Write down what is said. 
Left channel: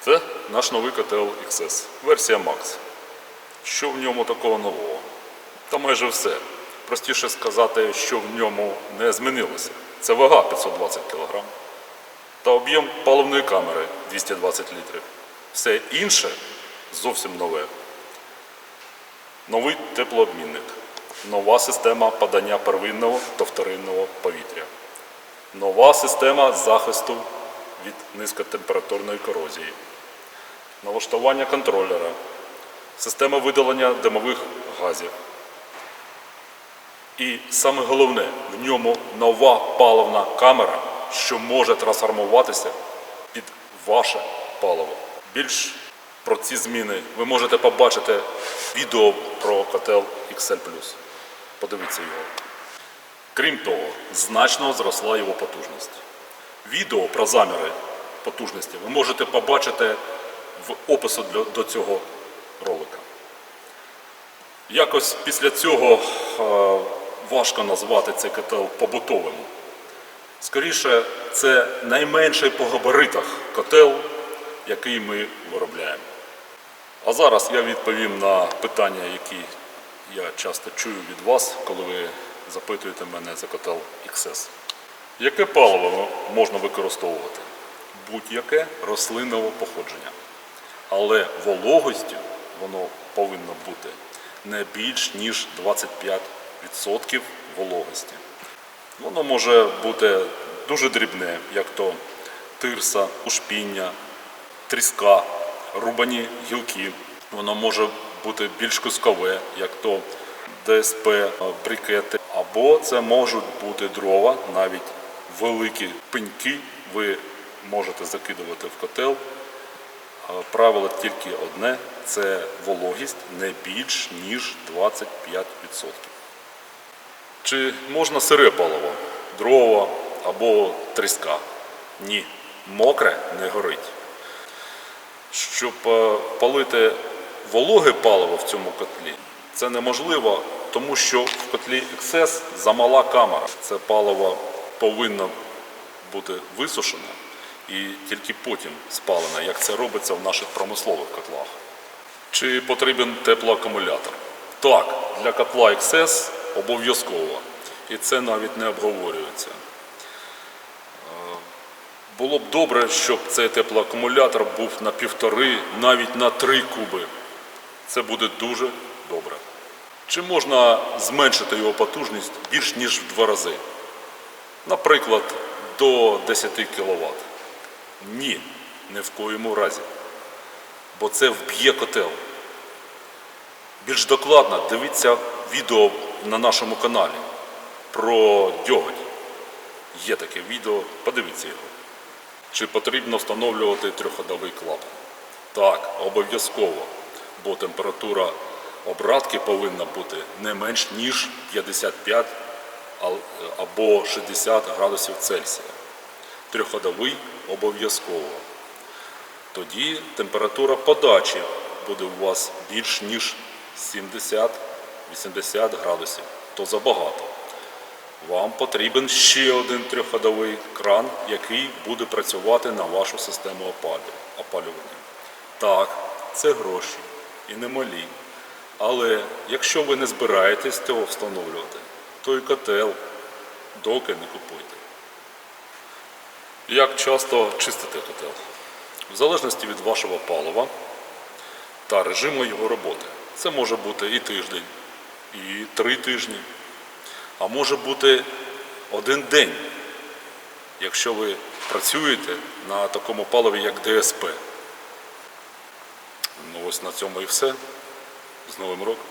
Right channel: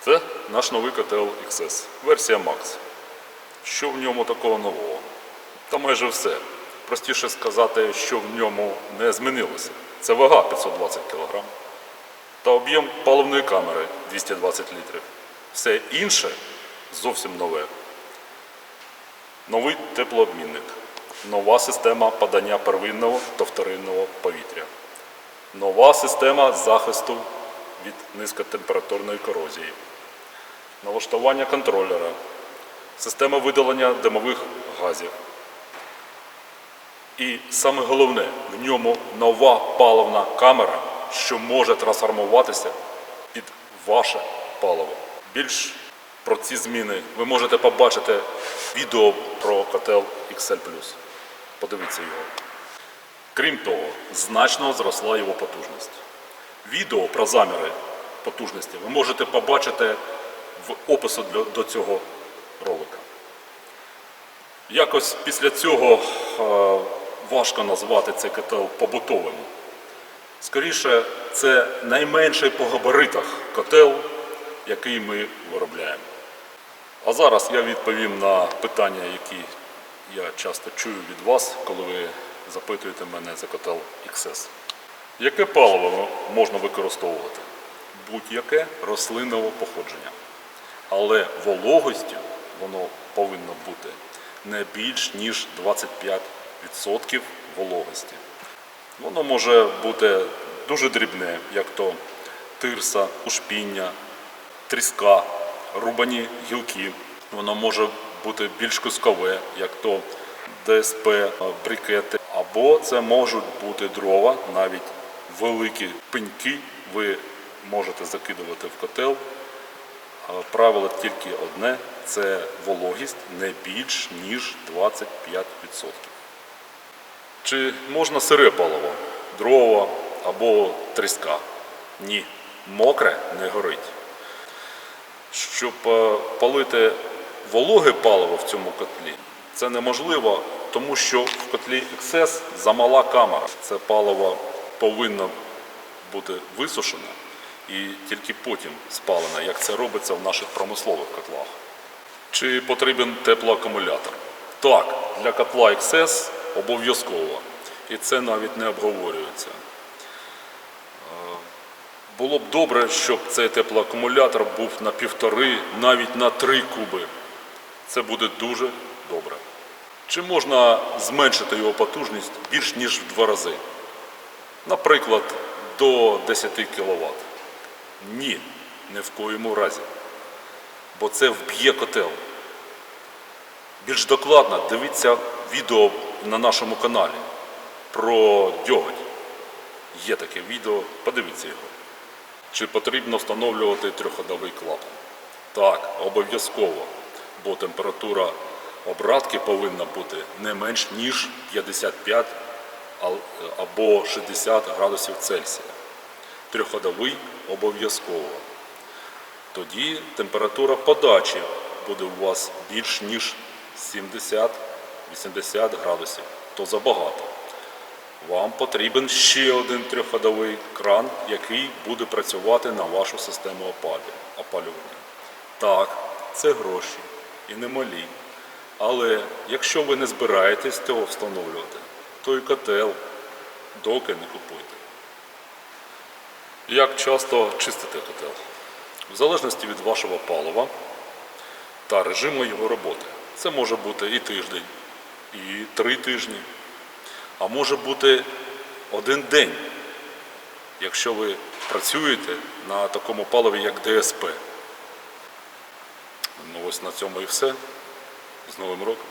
Це наш новий котел XS, версія Max. Що в ньому такого нового? Та майже все. Простіше сказати, що в ньому не змінилося. Це вага 520 кг та об'єм паливної камери 220 літрів. Все інше зовсім нове. Новий теплообмінник, нова система подання первинного та вторинного повітря, нова система захисту від низькотемпературної корозії, налаштування контролера, система видалення димових газів. І саме головне, в ньому нова паливна камера, що може трансформуватися під ваше паливо. Більш про ці зміни ви можете побачити відео про котел XL+. Подивіться його. Крім того, значно зросла його потужність. Відео про заміри потужності ви можете побачити в опису до цього ролика. Якось після цього е, важко назвати цей котел побутовим. Скоріше, це найменший по габаритах котел, який ми виробляємо. А зараз я відповім на питання, які я часто чую від вас, коли ви запитуєте мене за котел XS. Яке паливо можна використовувати? Будь-яке рослинного походження. Але вологістю воно повинно бути не більш ніж 25% вологості. Воно може бути дуже дрібне, як то тирса, ушпіння, тріска, рубані гілки. Воно може бути більш кускове, як то ДСП, брикети. Або це можуть бути дрова, навіть великі пеньки ви можете закидувати в котел. Правило тільки одне це вологість не більш ніж 25%. Чи можна сире паливо, дрова або тріска? Ні, мокре не горить. Щоб е, палити вологе паливо в цьому котлі, це неможливо, тому що в котлі XS замала камера. Це паливо повинно бути висушене і тільки потім спалене, як це робиться в наших промислових котлах. Чи потрібен теплоакумулятор? Так, для котла XS обов'язково. І це навіть не обговорюється. Е, Було б добре, щоб цей теплоакумулятор був на півтори, навіть на три куби. Це буде дуже добре. Чи можна зменшити його потужність більш ніж в два рази? Наприклад, до 10 кВт. Ні, ні в коєму разі. Бо це вб'є котел. Більш докладно дивіться відео на нашому каналі про дьоготь. Є таке відео, подивіться його. Чи потрібно встановлювати трьохходовий клапан? Так, обов'язково, бо температура обратки повинна бути не менш ніж 55 або 60 градусів Цельсія. Трьохходовий обов'язково. Тоді температура подачі буде у вас більш ніж 70-80 градусів. То забагато. Вам потрібен ще один трьохходовий кран, який буде працювати на вашу систему опалювання. Так, це гроші і немалі. Але якщо ви не збираєтесь цього встановлювати, то і котел доки не купуйте. Як часто чистити котел? В залежності від вашого палива та режиму його роботи. Це може бути і тиждень, і три тижні, а може бути один день, якщо ви працюєте на такому паливі, як ДСП. Ну ось на цьому і все. З Новим роком.